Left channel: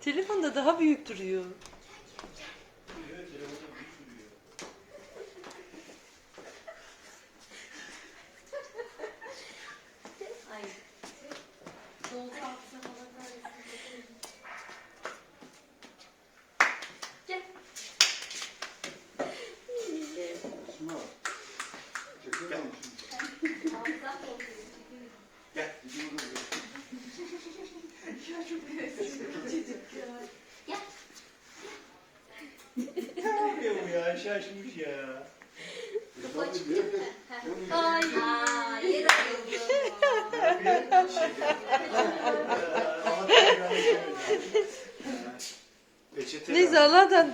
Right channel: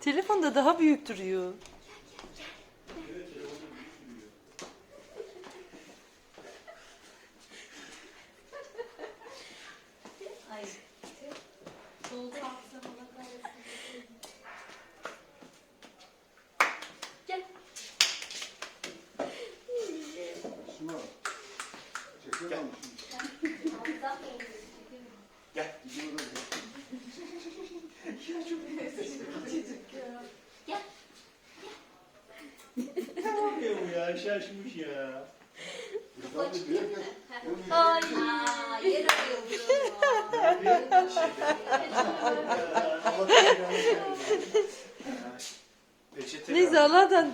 telefonda daha büyük duruyor. Ay. Doldu altına Allah kahretsin. Gel. Şuna. Çekiyor musun? Gel. Ya? Şaşmış ya. Ay. Ayıldı. Peçete Neyse Allah'tan